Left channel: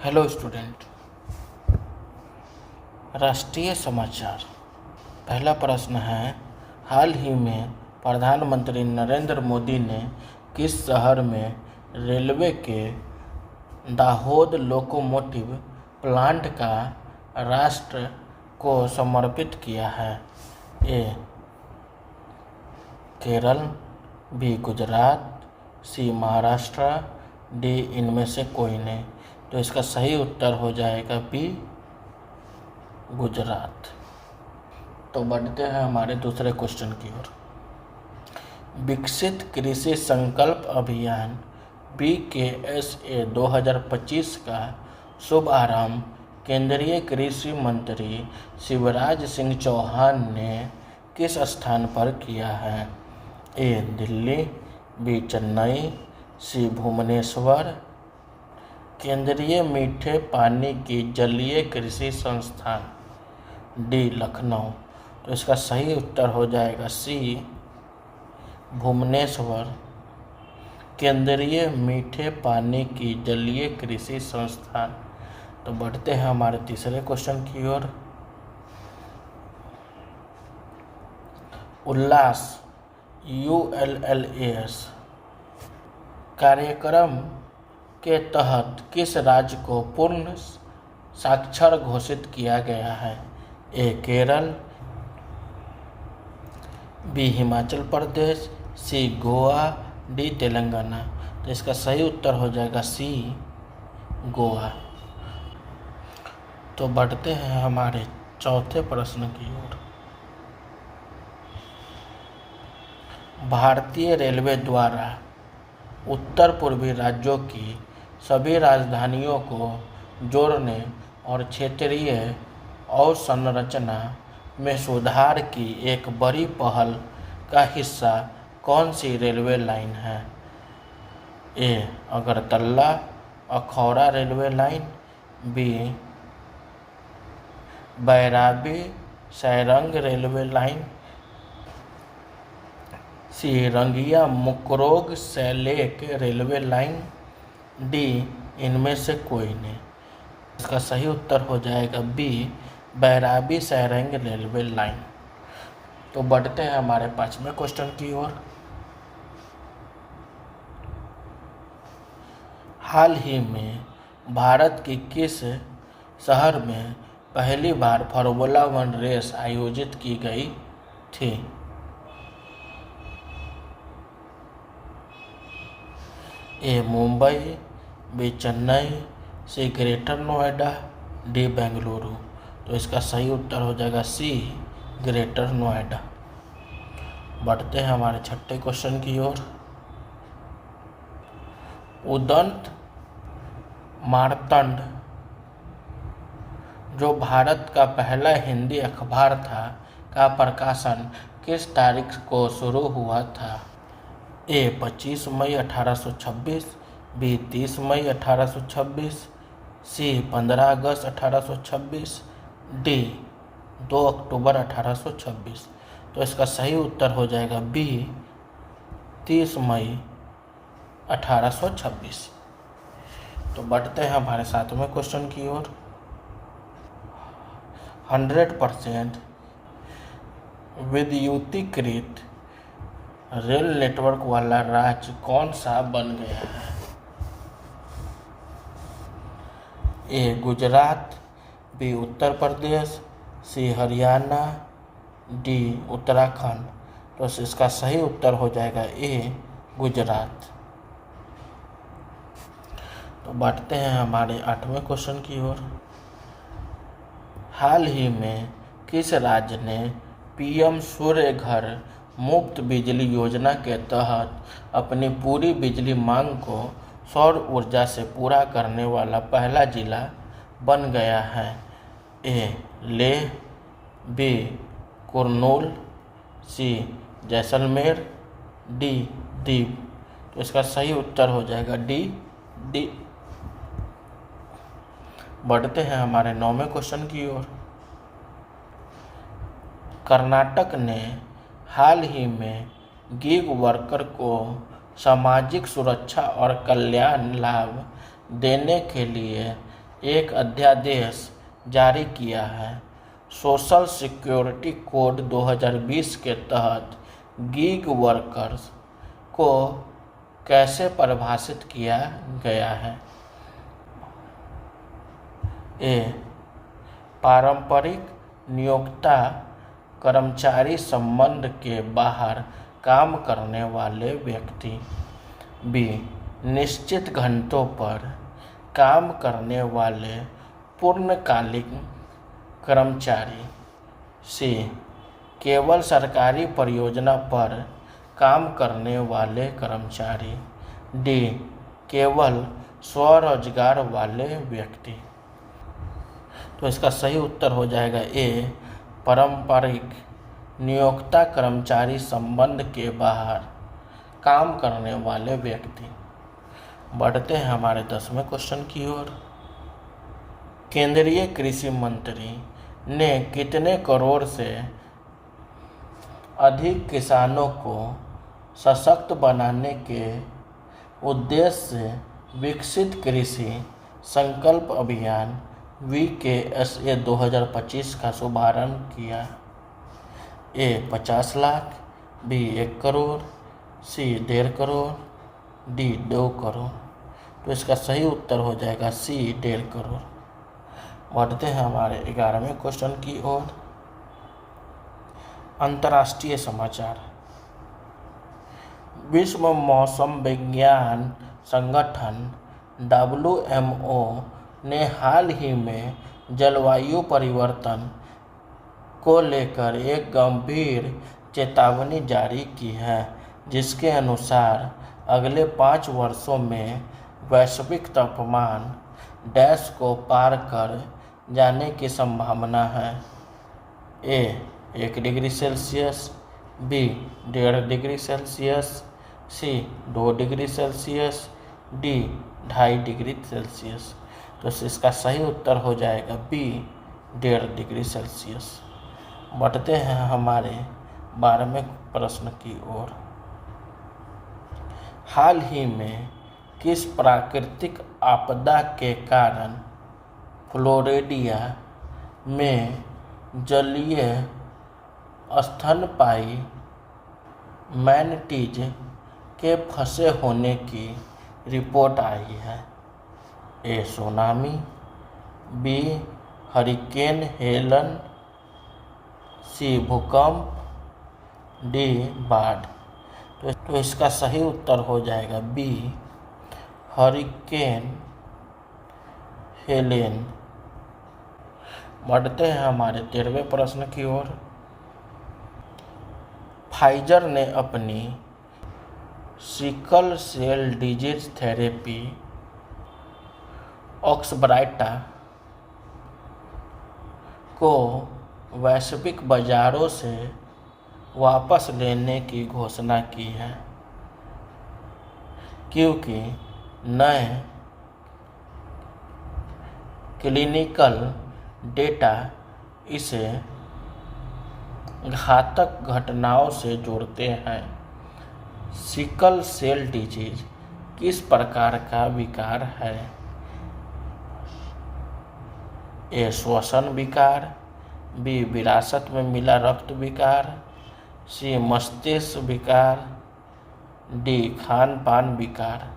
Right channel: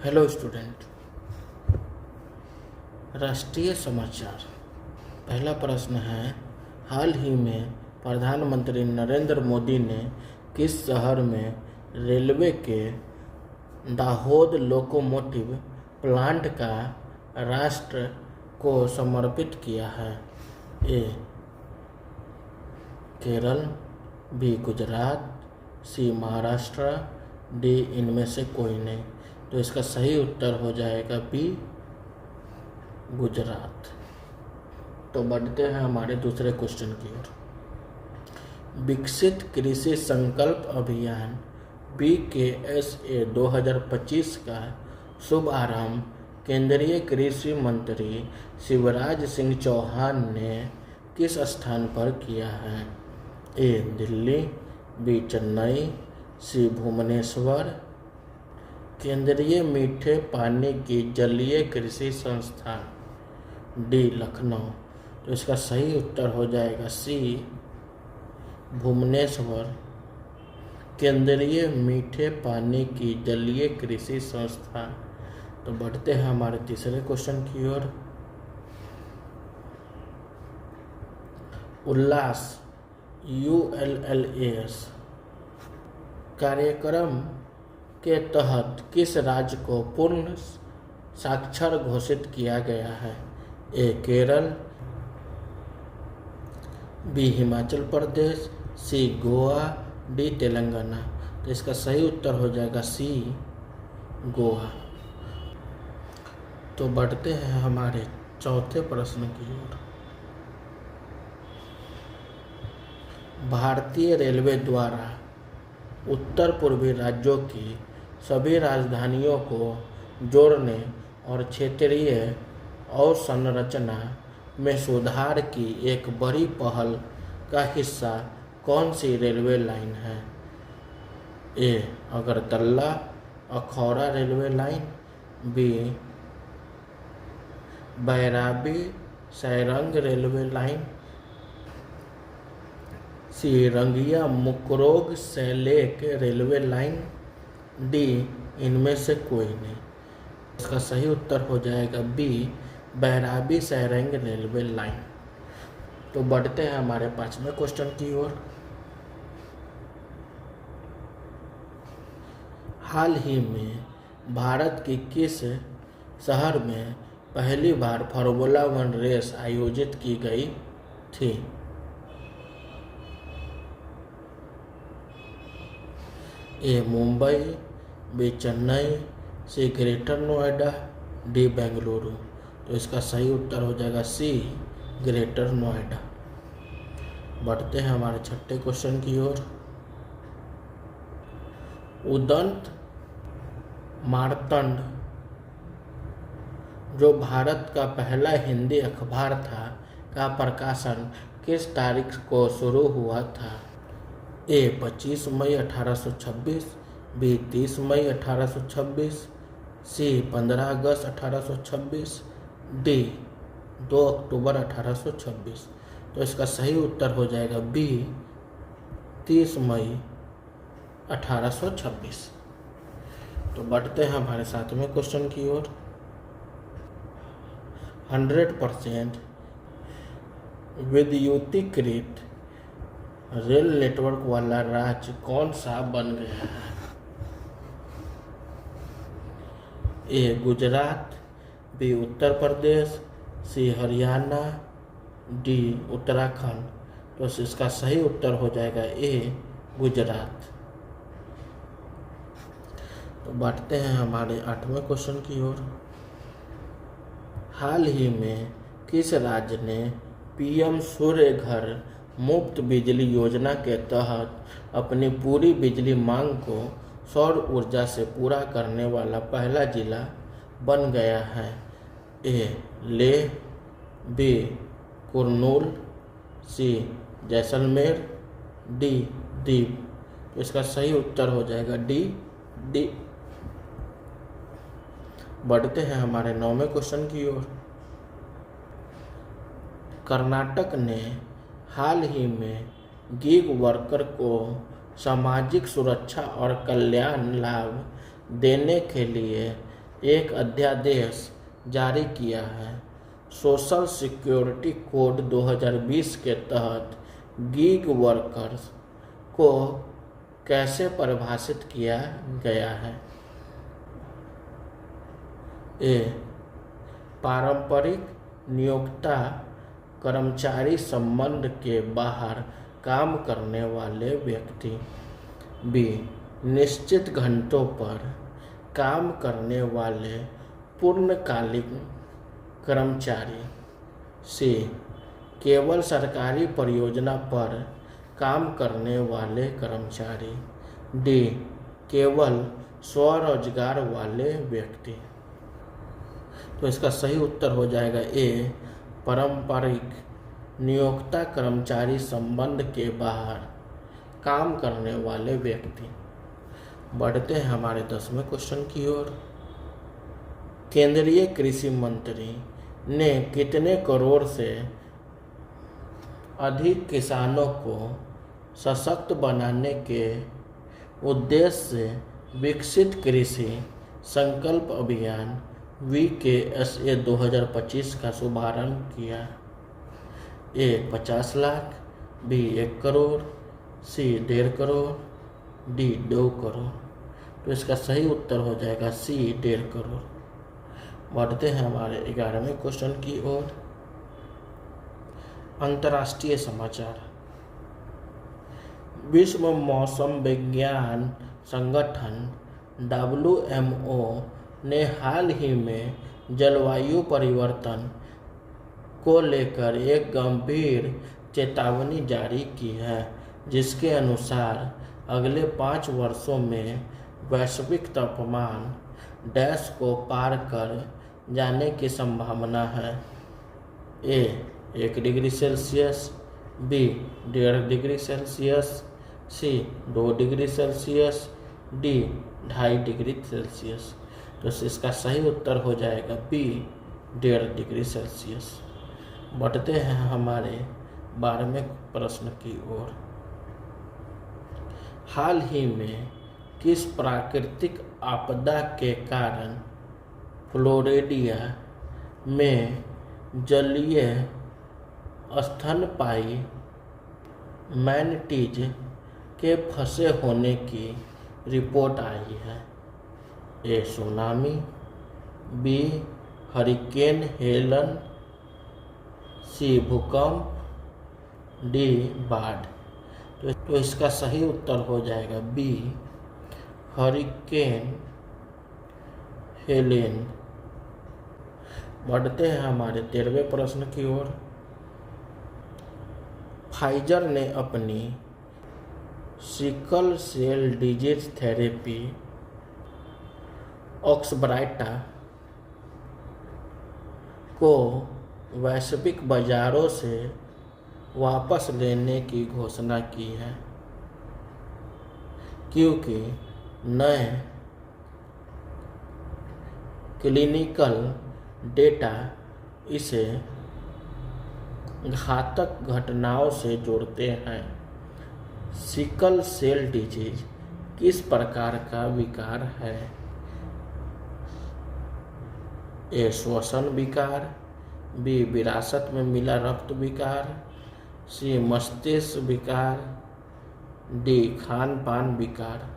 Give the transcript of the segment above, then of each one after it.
Hello student. राष्ट्रीय समाचार। पहला प्रश्न है, हाल ही में प्रधानमंत्री नरेंद्र मोदी ने किस शहर में रेलवे के दाहोद लोकोमोटिव प्लांट का राष्ट्र को समर्पित किया है? ए केरल, बी गुजरात, सी महाराष्ट्र, डी इनमें से कोई नहीं। तो इसका सही उत्तर हो जाएगा बी गुजरात। तो बढ़ते हैं हमारे दूसरे क्वेश्चन की ओर। विकसित कृषि संकल्प अभियान BKSA 2025 का शुभारंभ केंद्रीय कृषि मंत्री शिवराज सिंह चौहान ने किस स्थान पर किया है? ए दिल्ली, बी चेन्नई, सी भुवनेश्वर, केंद्रीय मीठे पानी की जलीय कृषि संस्थान, डी लखनऊ। तो इसका सही उत्तर हो जाएगा सी भुवनेश्वर, केंद्रीय मीठे पानी की जलीय कृषि संस्थान। तो बढ़ते हैं हमारे तीसरे क्वेश्चन की ओर। उल्लास ULLAS कार्यक्रम के तहत किस राज्य को पूर्ण साक्षर घोषित किया गया है? ए केरल, बी हिमाचल प्रदेश, सी गोवा, डी तेलंगाना। तो इसका सही उत्तर हो जाएगा सी गोवा। तो बढ़ते हैं हमारे चौथे प्रश्न की ओर। भारतीय रेलवे द्वारा उत्तर पूर्वी राज्यों की सभी राजधानियों को जोड़ने और क्षेत्रीय अवसंरचना में सुधार की एक बड़ी पहल का हिस्सा कौन सी रेलवे लाइन है? A Agartala Akhaura railway line, B Bairabi Sairang railway line, C Rangiya Murkongselek railway line, D इनमें से कोई नहीं। इसका सही उत्तर हो जाएगा B Bairabi Sairang railway line. तो बढ़ते हैं हमारे पांचवें क्वेश्चन की ओर। हाल ही में भारत की किस शहर में पहली बार फार्मूला 1 रेस आयोजित की गई थी? ए मुंबई, बी चेन्नई, सी ग्रेटर नोएडा, डी बेंगलुरु। तो इसका सही उत्तर हो जाएगा सी ग्रेटर नोएडा। बढ़ते हैं हमारे छठे क्वेश्चन की ओर। उदंत मार्तंड जो भारत का पहला हिंदी अखबार था का प्रकाशन किस तारीख को शुरू हुआ था? ए 25 मई 1826, बी 30 मई 1826, सी 15 अगस्त 1826, डी 2 अक्टूबर 1826। तो इसका सही उत्तर हो जाएगा बी 30 मई 1826। तो बढ़ते हैं हमारे सातवें क्वेश्चन की ओर। 100% विद्युतीकृत रेल नेटवर्क वाला राज्य कौन सा बन गया है? ए गुजरात, बी उत्तर प्रदेश, सी हरियाणा, डी उत्तराखंड। तो इसका सही उत्तर हो जाएगा ए गुजरात। तो बढ़ते हैं हमारे आठवें क्वेश्चन की ओर। हाल ही में किस राज्य ने PM सूर्य घर मुफ्त बिजली योजना के तहत अपनी पूरी बिजली मांग को सौर ऊर्जा से पूरा करने वाला पहला जिला बन गया है? ए लेह, बी कुर्नूल, सी जैसलमेर, डी दीव। तो इसका सही उत्तर हो जाएगा डी। बढ़ते हैं हमारे 9वें क्वेश्चन की ओर। कर्नाटक ने हाल ही में गिग वर्कर को सामाजिक सुरक्षा और कल्याण लाभ देने के लिए एक अध्यादेश जारी किया है। सोशल सिक्योरिटी कोड 2020 के तहत गिग वर्कर्स को कैसे परिभाषित किया गया है? ए. पारंपरिक नियोक्ता कर्मचारी संबंध के बाहर काम करने वाले व्यक्ति। बी. निश्चित घंटों पर काम करने वाले पूर्णकालिक कर्मचारी। सी. केवल सरकारी परियोजना पर काम करने वाले कर्मचारी। डी. केवल स्वरोजगार वाले व्यक्ति। तो इसका सही उत्तर हो जाएगा ए. पारंपरिक नियोक्ता कर्मचारी संबंध के बाहर काम करने वाले व्यक्ति। बढ़ते हैं हमारे 10वें क्वेश्चन की ओर। केंद्रीय कृषि मंत्री ने कितने करोड़ से अधिक किसानों को सशक्त बनाने के उद्देश्य से विकसित कृषि संकल्प अभियान VKSA 2025 का शुभारंभ किया? ए. 50 लाख। बी. 1 करोड़। सी. 1.5 करोड़। डी. 2 करोड़। तो इसका सही उत्तर हो जाएगा सी. 1.5 करोड़। बढ़ते हैं हमारे 11वें क्वेश्चन की ओर। अंतर्राष्ट्रीय समाचार। विश्व मौसम विज्ञान संगठन WMO ने हाल ही में जलवायु परिवर्तन को लेकर एक गंभीर चेतावनी जारी की है, जिसके अनुसार अगले 5 वर्षों में वैश्विक तापमान डैश को पार कर जाने की संभावना है। A. 1 degree Celsius. B. 1.5 degree Celsius. C. 2 degree Celsius. D. 2.5 degree Celsius. तो इसका सही उत्तर हो जाएगा बी. 1.5 degree Celsius. बढ़ते हैं हमारे 12वें प्रश्न की ओर। हाल ही में किस प्राकृतिक आपदा के कारण फ्लोरिडा में जलीय स्तनपायी मैनटीज के फंसे होने की रिपोर्ट आई है? A. Tsunami. B. Hurricane Helen. C. भूकंप। डी. बाढ़। तो इसका सही उत्तर हो जाएगा बी. Hurricane Helen. बढ़ते हैं हमारे 13वें प्रश्न की ओर। फाइजर ने अपनी सिकल सेल डिजीज थेरेपी ऑक्सब्राइटा को वैश्विक बाजारों से वापस लेने की घोषणा की है, क्योंकि नए क्लिनिकल डेटा इसे घातक घटनाओं से जोड़ते हैं। सिकल सेल डिजीज किस प्रकार का विकार है? ए. श्वसन विकार। बी. विरासत में मिला रक्त विकार। सी. मस्तिष्क विकार। डी. खान पान विकार।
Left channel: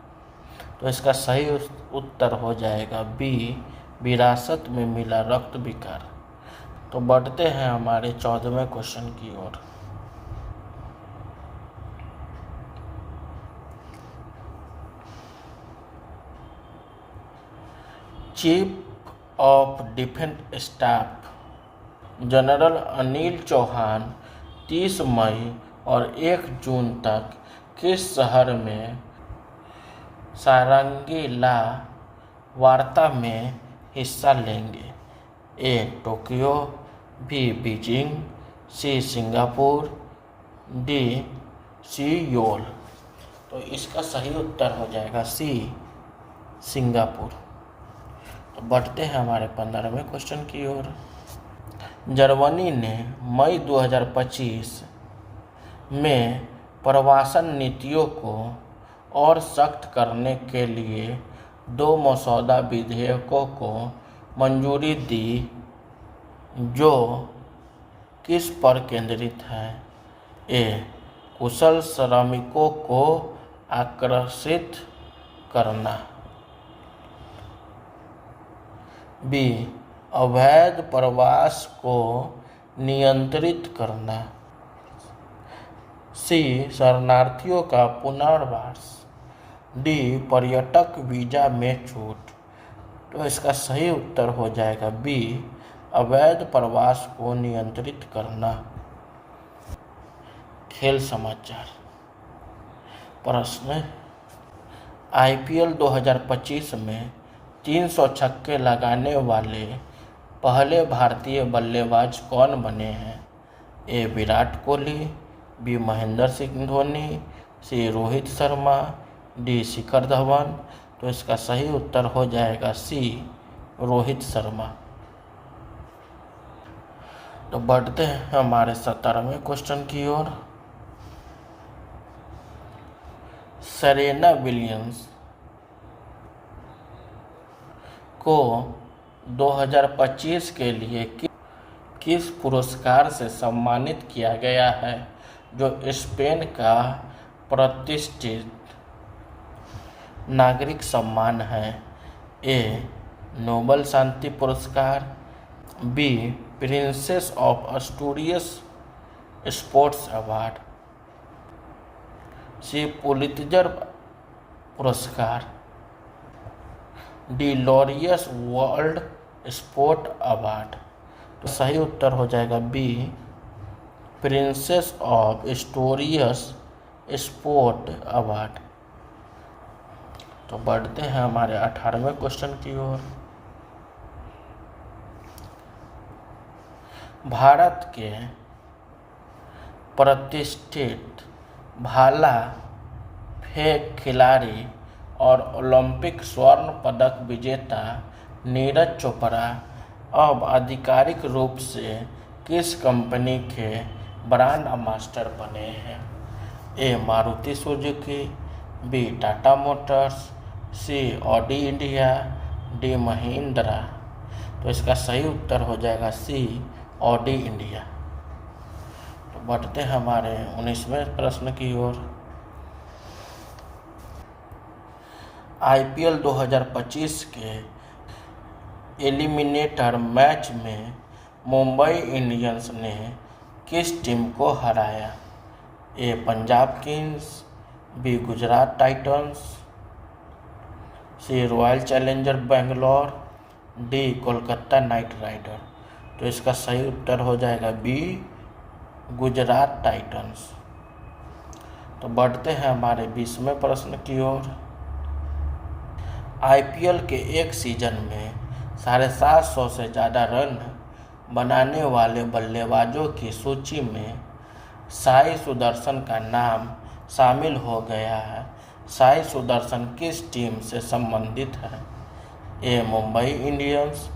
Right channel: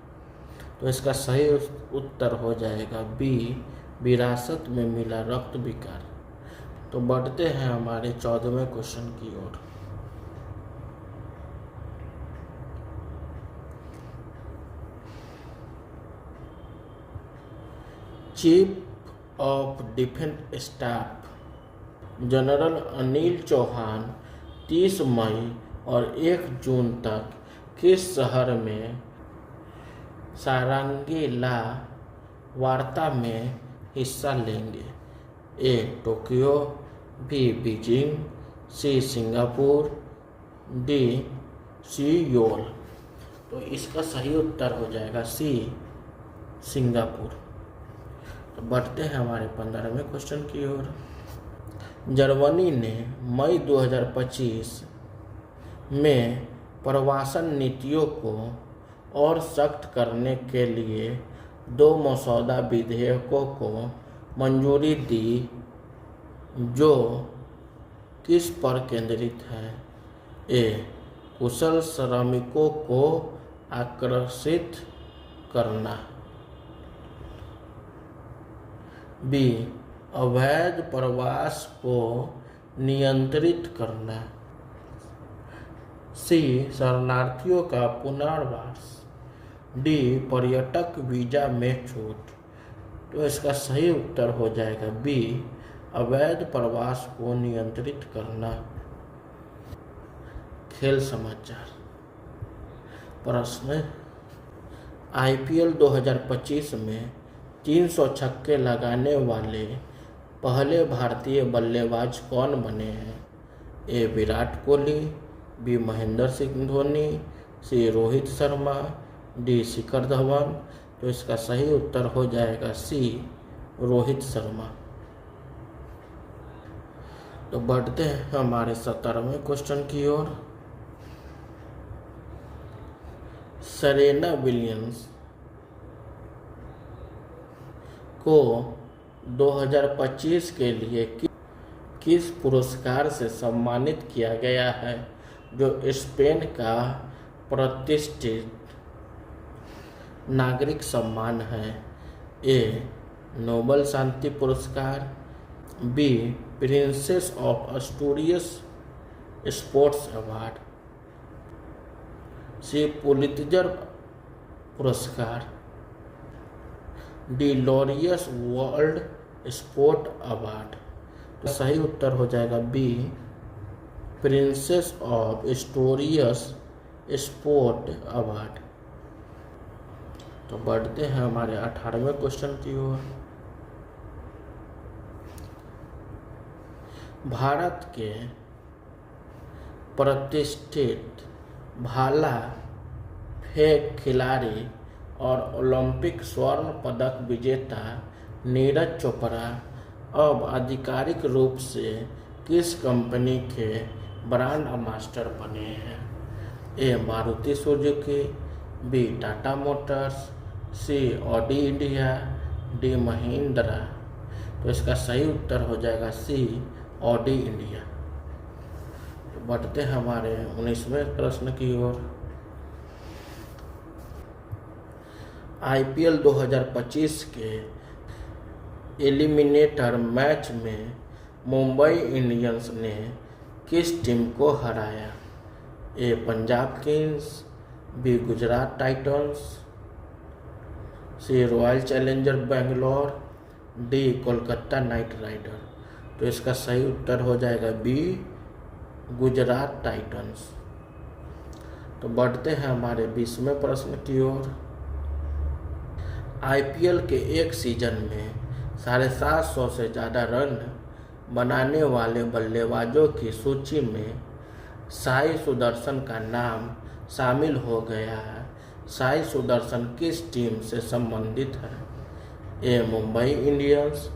तो इसका सही उत्तर हो जाएगा बी. विरासत में मिला रक्त विकार। तो बढ़ते हैं हमारे 14वें क्वेश्चन की ओर। Chief of defence staff general Anil Chauhan 30 मई और 1 जून तक किस शहर में सारंगी ला वार्ता में हिस्सा लेंगे? ए. टोक्यो। बी. बीजिंग। सी. सिंगापुर। डी. सियोल। तो इसका सही उत्तर हो जाएगा सी. सिंगापुर। तो बढ़ते हैं हमारे 15वें क्वेश्चन की ओर। जर्मनी ने मई 2025 में प्रवासन नीतियों को और सख्त करने के लिए दो मसौदा विधेयकों को मंजूरी दी जो किस पर केंद्रित है? ए. कुशल श्रमिकों को आकर्षित करना, बी. अवैध प्रवास को नियंत्रित करना, सी. शरणार्थियों का पुनर्वास, डी. पर्यटक वीजा में छूट। तो इसका सही उत्तर हो जाएगा बी. अवैध प्रवास को नियंत्रित करना। खेल समाचार प्रश्न, आईपीएल 2025 में 300 छक्के लगाने वाले पहले भारतीय बल्लेबाज कौन बने हैं? ए. विराट कोहली, बी. महेंद्र सिंह धोनी, सी. रोहित शर्मा, डी. शिखर धवन। तो इसका सही उत्तर हो जाएगा सी. रोहित शर्मा। तो बढ़ते हैं हमारे 17वें क्वेश्चन की ओर। सेरेना विलियम्स को 2025 के लिए किस पुरस्कार से सम्मानित किया गया है, जो स्पेन का प्रतिष्ठित नागरिक सम्मान है? ए. नोबल शांति पुरस्कार, B. Princess of Asturias sports award, C. Pulitzer पुरस्कार, D. Laureus world sport award. तो सही उत्तर हो जाएगा B. Princess of Asturias sport award. तो बढ़ते हैं हमारे 18वें क्वेश्चन की ओर। भारत के प्रतिष्ठित भाला फेंक खिलाड़ी और ओलंपिक स्वर्ण पदक विजेता नीरज चोपड़ा अब आधिकारिक रूप से किस कंपनी के ब्रांड एम्बेसडर बने हैं? A. Maruti Suzuki, B. Tata motors, C. Audi India, D. Mahindra. तो इसका सही उत्तर हो जाएगा सी. Audi India. तो बढ़ते हैं हमारे 19वें प्रश्न की ओर। आईपीएल 2025 के एलिमिनेटर मैच में मुंबई इंडियंस ने किस टीम को हराया? A. Punjab kings, B. Gujarat titans, C. Royal challenger Bangalore, D. Kolkata knight rider. तो इसका सही उत्तर हो जाएगा बी. गुजरात टाइटंस। तो बढ़ते हैं हमारे 20वें प्रश्न की ओर। आईपीएल के एक सीजन में 750 से ज़्यादा रन बनाने वाले बल्लेबाजों की सूची में साई सुदर्शन का नाम शामिल हो गया है। साई सुदर्शन किस टीम से संबंधित है? A. Mumbai Indians,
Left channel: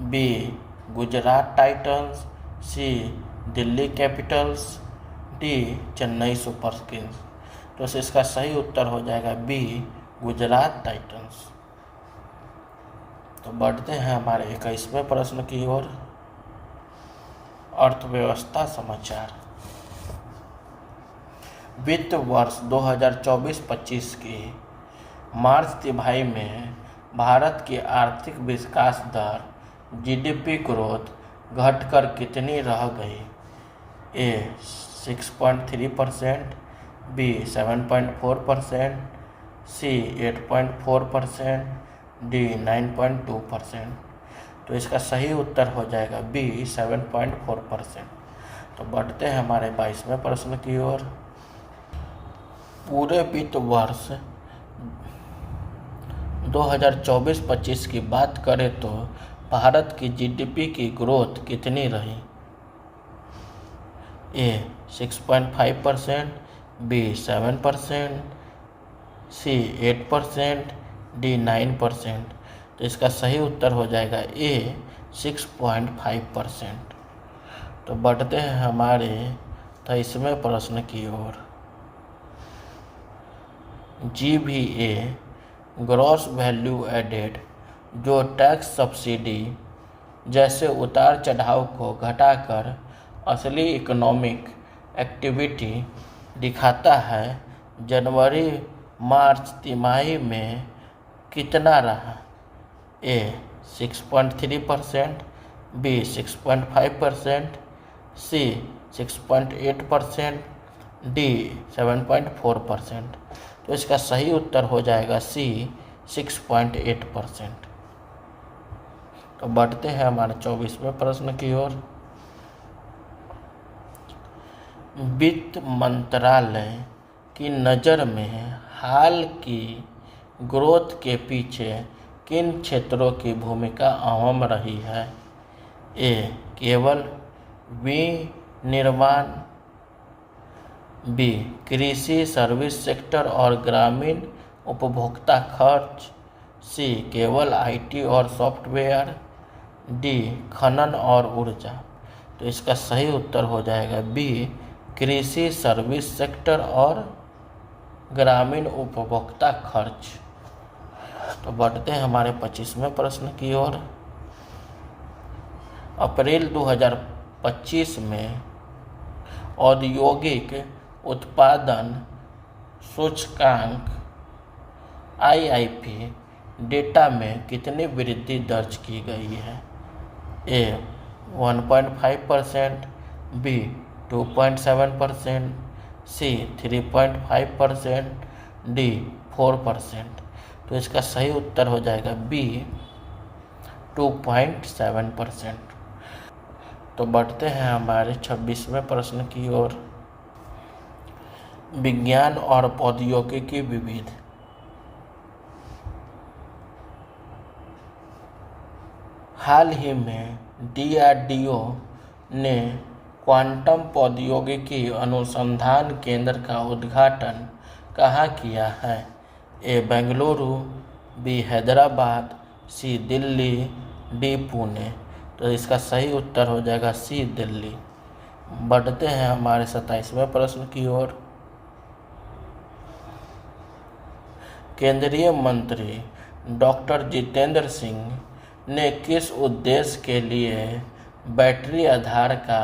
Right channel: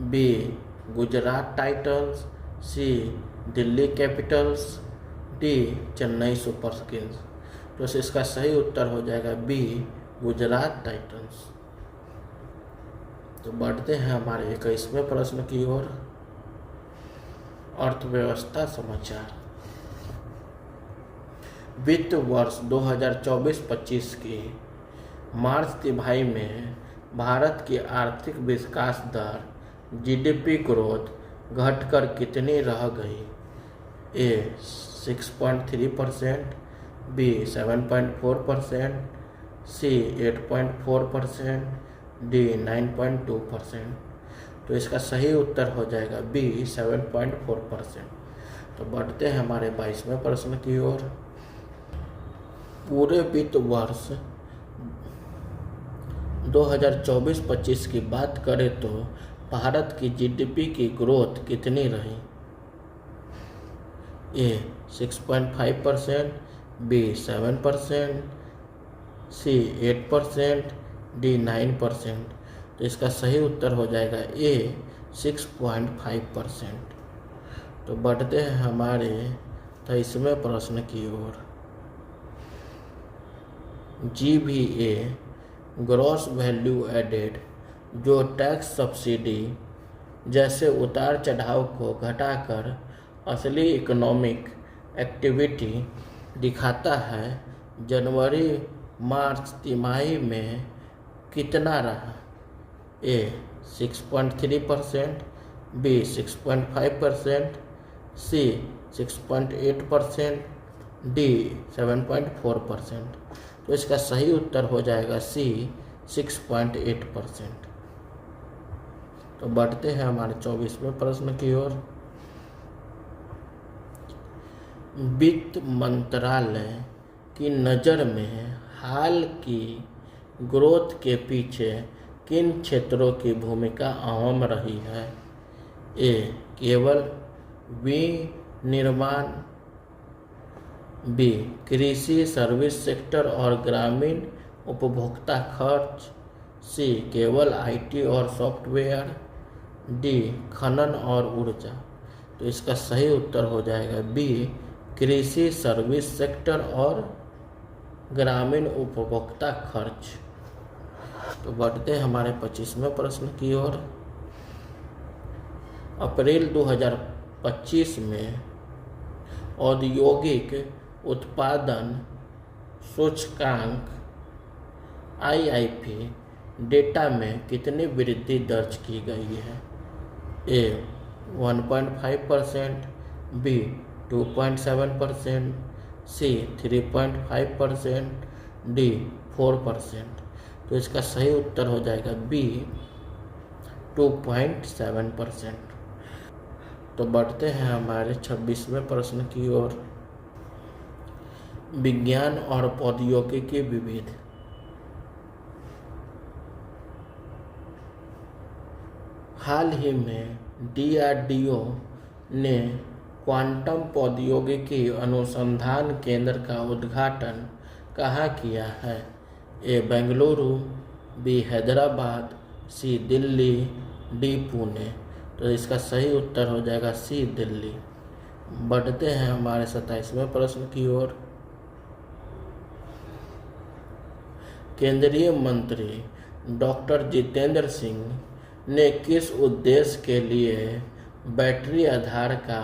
B. Gujarat titans, C. Delhi capitals, D. Chennai super kings. तो इसका सही उत्तर हो जाएगा बी. गुजरात टाइटंस। तो बढ़ते हैं हमारे 21वें प्रश्न की ओर। अर्थव्यवस्था समाचार। वित्त वर्ष 2024-25 की मार्च तिमाही में भारत की आर्थिक विकास दर जीडीपी ग्रोथ घटकर कितनी रह गई? ए. 6.3%, बी. 7.4%, सी. 8.4%, डी. 9.2%। तो इसका सही उत्तर हो जाएगा बी. 7.4%। तो बढ़ते हैं हमारे 22वें प्रश्न की ओर। पूरे वित्त वर्ष 2024-25 की बात करें तो भारत की जीडीपी की ग्रोथ कितनी रही? ए. 6.5%, बी. 7%, सी. 8%, डी. 9%। तो इसका सही उत्तर हो जाएगा ए. 6.5%। तो बढ़ते हैं हमारे 23वें प्रश्न की ओर। GVA ग्रॉस वैल्यू एडेड, जो टैक्स सब्सिडी जैसे उतार चढ़ाव को घटाकर असली इकोनॉमिक एक्टिविटी दिखाता है, जनवरी मार्च तिमाही में कितना रहा? ए 6.3%, बी 6.5%, सी 6.8%, डी 7.4%। तो इसका सही उत्तर हो जाएगा सी 6.8%। तो बढ़ते हैं हमारे 24वें प्रश्न की ओर। वित्त मंत्रालय की नज़र में हाल की ग्रोथ के पीछे किन क्षेत्रों की भूमिका अहम रही है? ए केवल विनिर्माण, बी कृषि सर्विस सेक्टर और ग्रामीण उपभोक्ता खर्च, सी केवल आईटी और सॉफ्टवेयर, डी खनन और ऊर्जा। तो इसका सही उत्तर हो जाएगा बी कृषि सर्विस सेक्टर और ग्रामीण उपभोक्ता खर्च। तो बढ़ते हैं हमारे 25वें प्रश्न की ओर। अप्रैल 2025 में औद्योगिक उत्पादन सूचकांक IIP डेटा में कितनी वृद्धि दर्ज की गई है? ए 1.5%, बी 2.7%, सी 3.5%, डी 4%। तो इसका सही उत्तर हो जाएगा बी 2.7%। तो बढ़ते हैं हमारे 26वें प्रश्न की ओर। विज्ञान और प्रौद्योगिकी विविध। हाल ही में DRDO ने क्वांटम प्रौद्योगिकी अनुसंधान केंद्र का उद्घाटन कहाँ किया है? ए बेंगलुरु, बी हैदराबाद, सी दिल्ली, डी पुणे। तो इसका सही उत्तर हो जाएगा सी दिल्ली। बढ़ते हैं हमारे 27वें प्रश्न की ओर। केंद्रीय मंत्री डॉक्टर जितेंद्र सिंह ने किस उद्देश्य के लिए बैटरी आधार का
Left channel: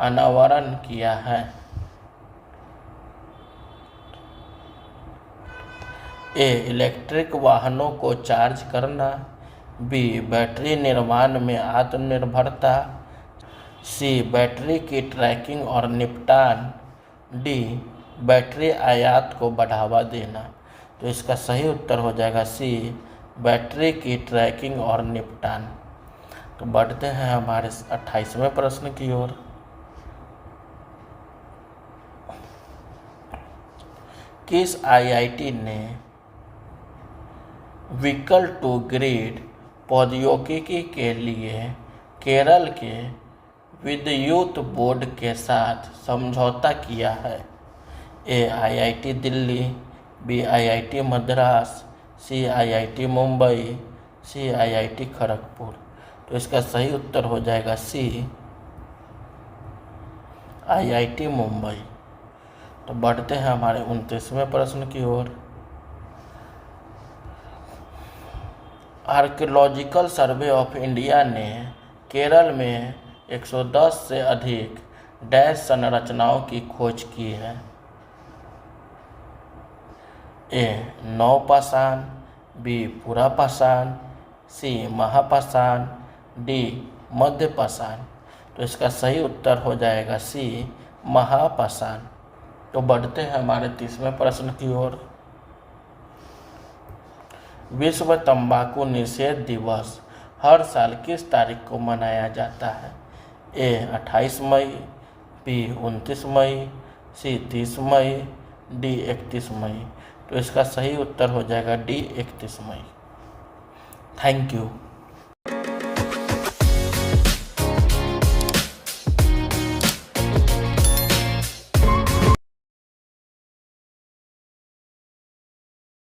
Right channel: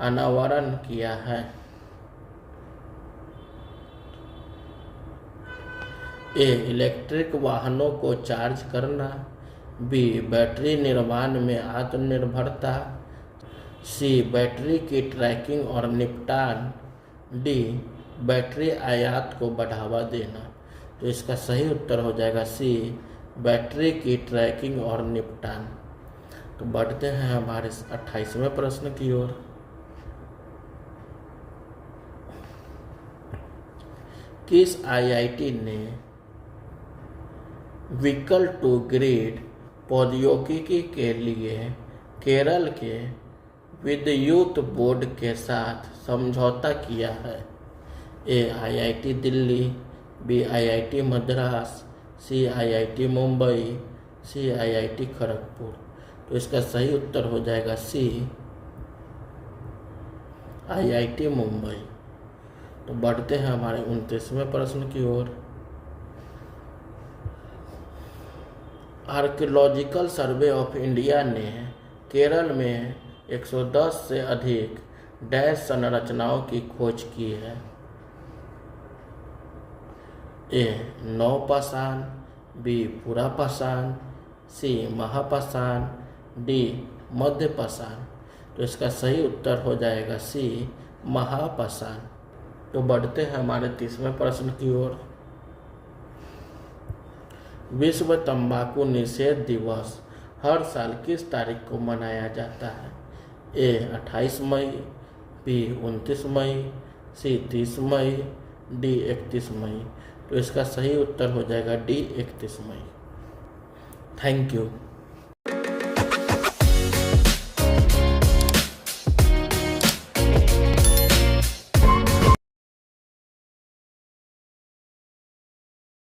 अनावरण किया है? ए इलेक्ट्रिक वाहनों को चार्ज करना, बी बैटरी निर्माण में आत्मनिर्भरता, सी बैटरी की ट्रैकिंग और निपटान, डी बैटरी आयात को बढ़ावा देना। तो इसका सही उत्तर हो जाएगा सी बैटरी की ट्रैकिंग और निपटान। तो बढ़ते हैं हमारे 28वें प्रश्न की ओर। किस IIT ने व्हीकल टू ग्रिड प्रौद्योगिकी के लिए केरल के विद्युत बोर्ड के साथ समझौता किया है? A IIT Delhi, B IIT Madras, C IIT Mumbai, C IIT Kharagpur. तो इसका सही उत्तर हो जाएगा सी IIT मुंबई। तो बढ़ते हैं हमारे 29वें प्रश्न की ओर। आर्कियोलॉजिकल सर्वे ऑफ इंडिया ने केरल में 110 से अधिक डैश संरचनाओं की खोज की है? ए नवपाषाण, बी पुरापाषाण, सी महापाषाण, डी मध्यपाषाण। तो इसका सही उत्तर हो जाएगा सी महापाषाण। तो बढ़ते हैं हमारे 30वें प्रश्न की ओर। विश्व तंबाकू निषेध दिवस हर साल किस तारीख को मनाया जाता है? ए 28 मई, बी 29 मई, सी 30 मई, डी 31 मई। तो इसका सही उत्तर हो जाएगा डी 31 मई। Thank you.